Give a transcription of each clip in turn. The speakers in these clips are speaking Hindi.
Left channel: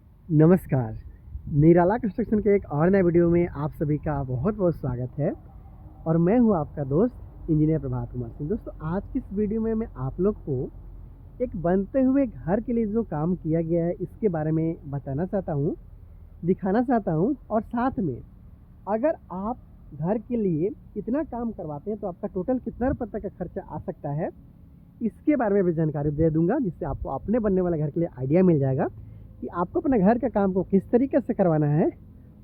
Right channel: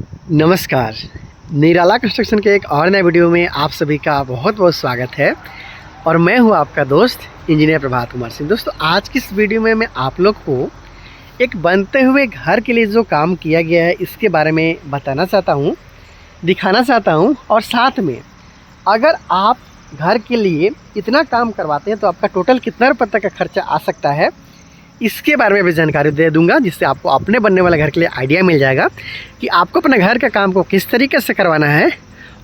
नमस्कार। निराला कंस्ट्रक्शन के एक और नए वीडियो में आप सभी का बहुत बहुत स्वागत है और मैं हूं आपका दोस्त इंजीनियर प्रभात कुमार सिंह। दोस्तों, आज की इस वीडियो में मैं आप लोग को एक बनते हुए घर के लिए जो काम किया गया है इसके बारे में बताना चाहता हूं, दिखाना चाहता हूं। और साथ में अगर आप घर के लिए इतना काम करवाते हैं तो आपका टोटल कितना रुपये तक का खर्चा आ सकता है, इसके बारे में भी जानकारी दे दूंगा, जिससे आपको अपने बनने वाले घर के लिए आइडिया मिल जाएगा कि आपको अपने घर का काम को किस तरीके से करवाना है।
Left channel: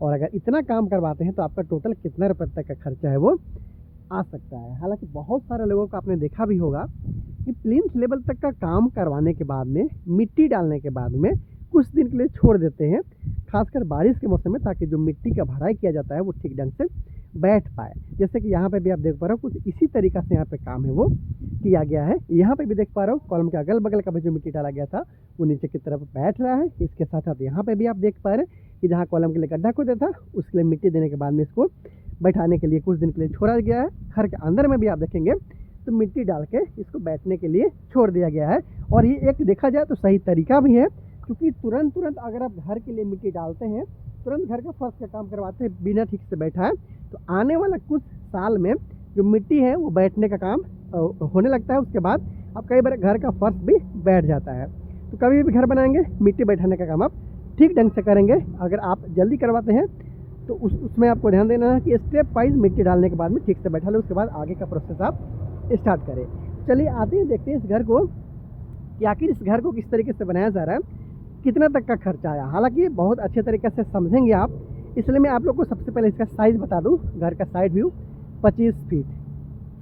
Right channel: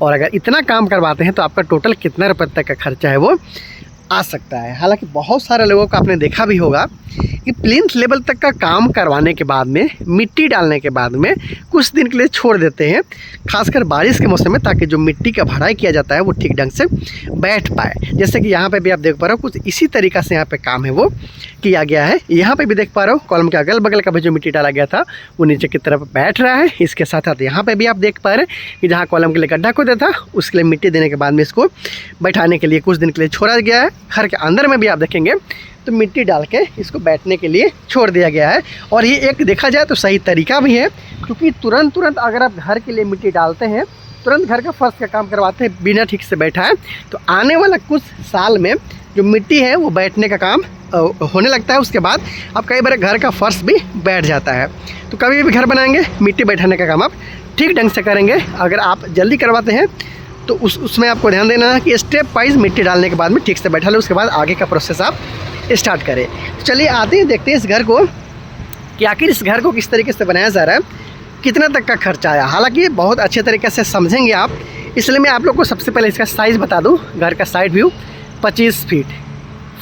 और अगर इतना काम करवाते हैं तो आपका टोटल कितना रुपये तक का खर्चा है वो आ सकता है। हालांकि बहुत सारे लोगों को आपने देखा भी होगा कि प्लिंथ लेवल तक का काम करवाने के बाद में, मिट्टी डालने के बाद में कुछ दिन के लिए छोड़ देते हैं, खासकर बारिश के मौसम में, ताकि जो मिट्टी का भराई किया जाता है वो ठीक ढंग से बैठ पाए। जैसे कि यहाँ पे भी आप देख पा रहे हो, कुछ इसी तरीक़ा से यहाँ पे काम है वो किया गया है। यहाँ पे भी देख पा रहे हो, कॉलम के अगल बगल का भी जो मिट्टी डाला गया था वो नीचे की तरफ बैठ रहा है। इसके साथ साथ यहाँ पे भी आप देख पा रहे हैं कि जहाँ कॉलम के लिए गड्ढा खोदा था उसके लिए मिट्टी देने के बाद में इसको बैठाने के लिए कुछ दिन के लिए छोड़ा गया है। घर के अंदर में भी आप देखेंगे तो मिट्टी डाल के इसको बैठने के लिए छोड़ दिया गया है। और ये एक देखा जाए तो सही तरीका भी है, क्योंकि तुरंत अगर आप घर के लिए मिट्टी डालते हैं, तुरंत घर का फर्श का काम करवाते हैं बिना ठीक से बैठा है, तो आने वाला कुछ साल में जो मिट्टी है वो बैठने का काम होने लगता है। उसके बाद आप कई बार घर का फर्श भी बैठ जाता है। तो कभी भी घर बनाएंगे, मिट्टी बैठाने का काम आप ठीक ढंग से करेंगे। अगर आप जल्दी करवाते हैं तो उसमें आपको ध्यान देना है कि स्टेप वाइज मिट्टी डालने के बाद में ठीक से बैठा ले, उसके बाद आगे का प्रोसेस आप स्टार्ट करें। चलिए आते हैं, देखते हैं इस घर को कि आखिर इस घर को किस तरीके से बनाया जा रहा है, कितना तक का खर्चा आया। हालांकि ये बहुत अच्छे तरीके से समझेंगे आप, इसलिए मैं आप लोग को सबसे पहले इसका साइज़ बता दूं। घर का side view 25 feet,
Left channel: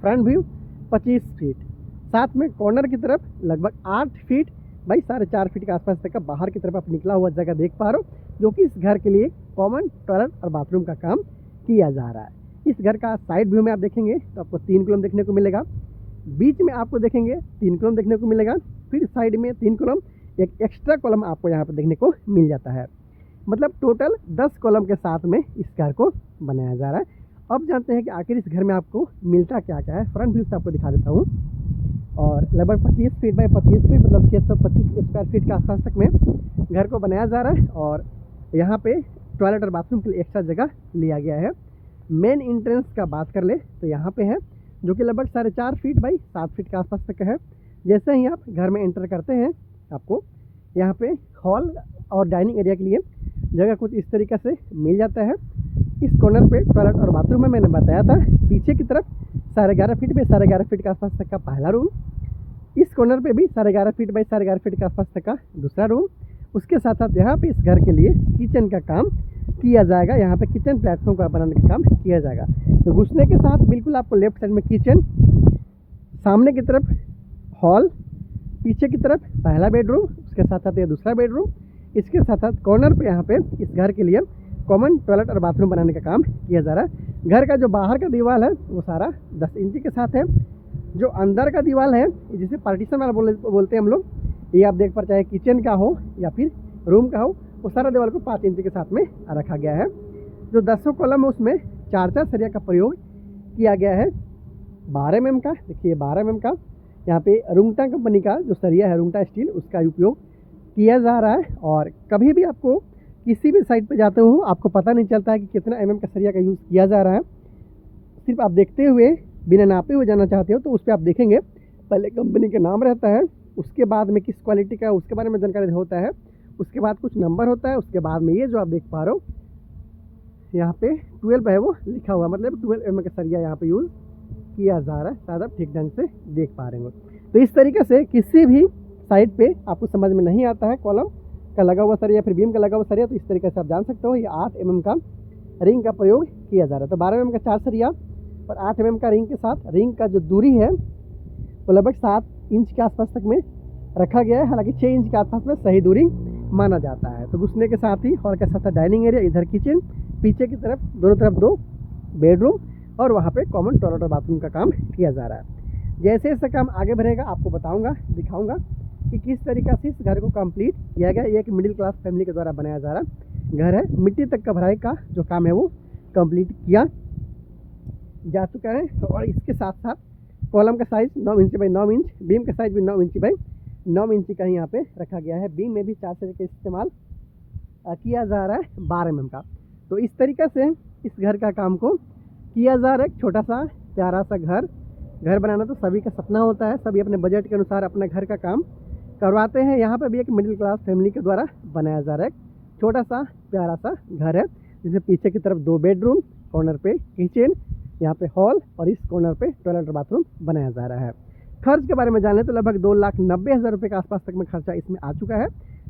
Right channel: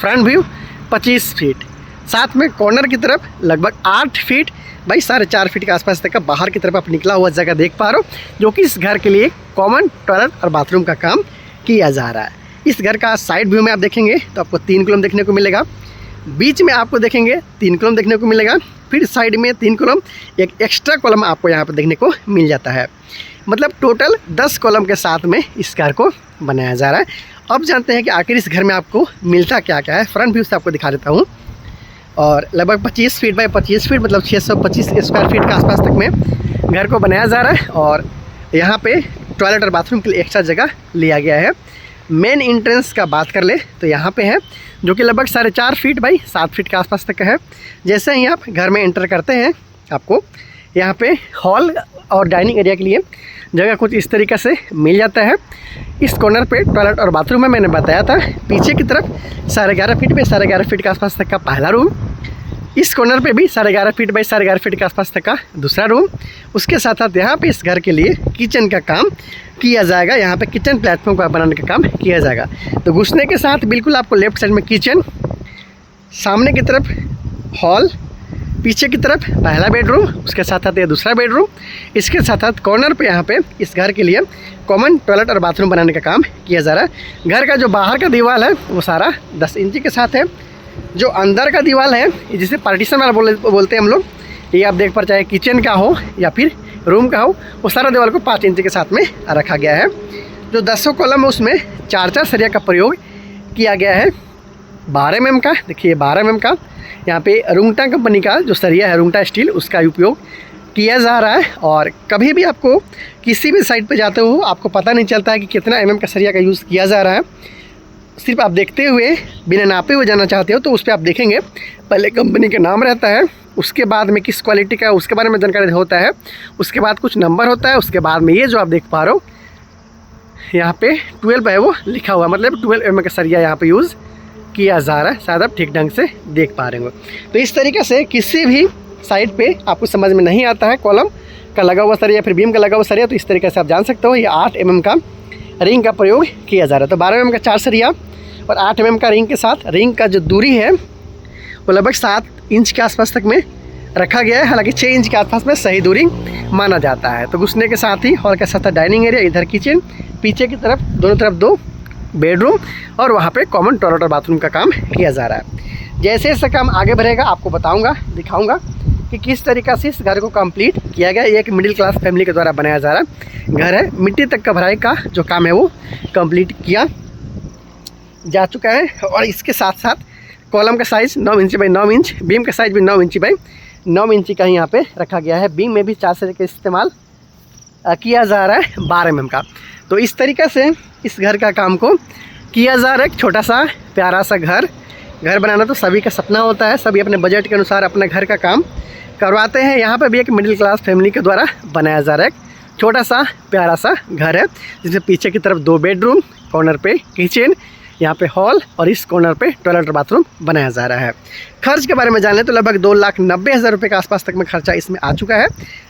front view 25 feet, साथ में कॉर्नर की तरफ लगभग 8 फीट भाई 4.5 फीट के आसपास तक का बाहर की तरफ आप निकला हुआ जगह देख पा रहे हो, जो कि इस घर के लिए कॉमन टॉयलेट और बाथरूम का काम किया जा रहा है। इस घर का साइड व्यू में आप देखेंगे तो आपको 3 कॉलम देखने को मिलेगा, बीच में आपको देखेंगे 3 कॉलम देखने को मिलेगा, फिर साइड में 3 कॉलम, एक एक्स्ट्रा कॉलम आपको यहाँ पर देखने को मिल जाता है। मतलब टोटल 10 कॉलम के साथ में इस घर को बनाया जा रहा है। अब जानते हैं कि आखिर इस घर में आपको मिलता क्या क्या है। फ्रंट व्यू से आपको दिखा देता हूँ। और लगभग 25 फीट बाई 25 फीट, मतलब 625 स्क्वायर फीट के आसपास तक में घर को बनाया जा रहा है। और यहाँ पे टॉयलेट और बाथरूम के लिए एक्स्ट्रा जगह लिया गया है। मेन एंट्रेंस का बात कर ले तो यहाँ पे है, जो कि लगभग 4.5 फीट बाई 7 फीट के आसपास तक का है। जैसे ही आप घर में एंटर करते हैं आपको यहाँ पे हॉल और डाइनिंग एरिया के लिए जगह कुछ इस तरीक़े से मिल जाता है। इस कॉर्नर पे टॉयलेट और बाथरूम में मैंने बताया था। पीछे की तरफ 11.5 फीट बाई 11.5 फीट के आसपास तक का पहला रूम, इस कॉर्नर पे भी 11.5 फीट बाई 11.5 फीट के आसपास तक का दूसरा रूम। उसके साथ साथ यहाँ पे इस घर के लिए किचन का काम किया जाएगा। यहाँ पे किचन प्लेटफॉर्म का बनाने का काम किया जाएगा। तो घुसने के साथ बिल्कुल आपको लेफ्ट साइड में किचन, सामने की तरफ हॉल, पीछे की तरफ पहला बेडरूम, उसके साथ साथ ये दूसरा बेडरूम, इसके साथ साथ कॉर्नर पे यहाँ पे इस घर के लिए कॉमन टॉयलेट और बाथरूम बनाने का काम किया जा रहा है। घर का जो बाहर का दीवार है वो सारा 10 इंची के साथ है। जो अंदर का दीवार है, जिसे पार्टीशन वाला बोलते हैं हम लोग, ये आप देख पर, चाहे किचन का हो या फिर रूम का हो, वो सारा दीवार को 5 इंच के साथ में रखा गया है। जो 10 कॉलम है उसमें 4 सरिया का प्रयोग किया गया है। 12 mm का, देखिए 12 mm का यहाँ पे रुंगटा कंपनी का जो सरिया है, रुंगटा स्टील, उसका उपयोग किया जा रहा है। और कभी भी आपको किसी भी साइट पे जाते हो आपको पता नहीं चलता है कि कितना mm का सरिया का यूज़ किया जा रहा है। सिर्फ आप देखते हुए, बिना नापे हुए जाना चाहते हो तो उस पर आप देखेंगे पहले कंपनी का नाम रहता है, उसके बाद में किस क्वालिटी का उसके बारे में जानकारी होता है, उसके बाद कुछ नंबर होता है, उसके बाद में ये जो आप देख पा रहे हो यहाँ पे 12 है वो लिखा हुआ, मतलब 12 mm का सरिया यहाँ पे यूज़ किया जा रहा है। शायद आप ठीक ढंग से देख पा रहे हो। तो इस तरीके से किसी भी साइड पे आपको समझ में नहीं आता है कॉलम का लगा हुआ सरिया, फिर बीम का लगा हुआ सरिया, तो इस तरीके से आप जान सकते हो ये 8 mm का रिंग का प्रयोग किया जा रहा है। तो 12 mm का 4 सरिया और 8 mm का रिंग के साथ रिंग का जो दूरी है वो लगभग 7 इंच के आसपास तक में रखा गया है। हालांकि 6 इंच के आसपास में सही दूरी माना जाता है। तो घुसने के साथ ही हॉल के साथ डाइनिंग एरिया, इधर किचन, पीछे की तरफ दोनों तरफ 2 बेडरूम और वहाँ पे कॉमन टॉयलेट और बाथरूम का काम किया जा रहा है। जैसे जैसे काम आगे बढ़ेगा आपको बताऊँगा, दिखाऊँगा कि किस तरीक़ा से इस घर को कंप्लीट किया गया। एक मिडिल क्लास फैमिली के द्वारा बनाया जा रहा घर है। मिट्टी तक का भराई का जो काम है वो कंप्लीट किया जा चुका है। और इसके साथ साथ कॉलम का size 9 inch by 9 inch, beam का साइज़ भी 9 इंच बाई 9 इंची का ही यहाँ पे रखा गया है। बीम में भी 4 सरिया का इस्तेमाल किया जा रहा है 12 mm का। तो इस तरीक़े से इस घर का काम को किया जा रहा है। एक छोटा सा प्यारा सा घर बनाना तो सभी का सपना होता है, सभी अपने बजट के अनुसार अपने घर का काम करवाते हैं। यहाँ पर भी एक मिडिल क्लास फैमिली के द्वारा बनाया जा रहा है एक छोटा सा प्यारा सा घर है, जिसमें पीछे की तरफ 2 बेडरूम, कॉर्नर पे किचन, यहाँ पे हॉल और इस कॉर्नर पे टॉयलेट और बाथरूम बनाया जा रहा है। खर्च के बारे में जान लें तो लगभग 2,90,000 रुपये के आसपास तक में खर्चा इसमें आ चुका है।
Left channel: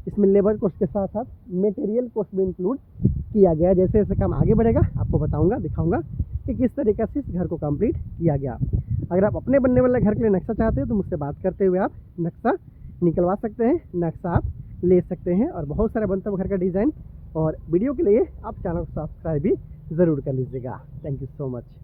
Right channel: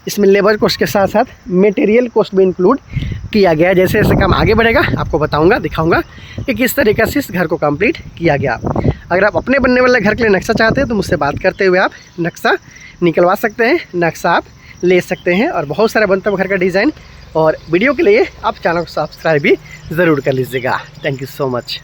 इसमें लेबर कॉस्ट के साथ साथ मटेरियल कॉस्ट भी इंक्लूड किया गया है। जैसे जैसे काम आगे बढ़ेगा आपको बताऊंगा, दिखाऊंगा कि किस तरीके से इस घर को कंप्लीट किया गया। अगर आप अपने बनने वाले घर के लिए नक्शा चाहते हैं तो मुझसे बात करते हुए आप नक्शा निकलवा सकते हैं, नक्शा आप ले सकते हैं। और बहुत सारे बनता है घर का डिज़ाइन। और वीडियो के लिए आप चैनल को सब्सक्राइब भी ज़रूर कर लीजिएगा। Thank you so much.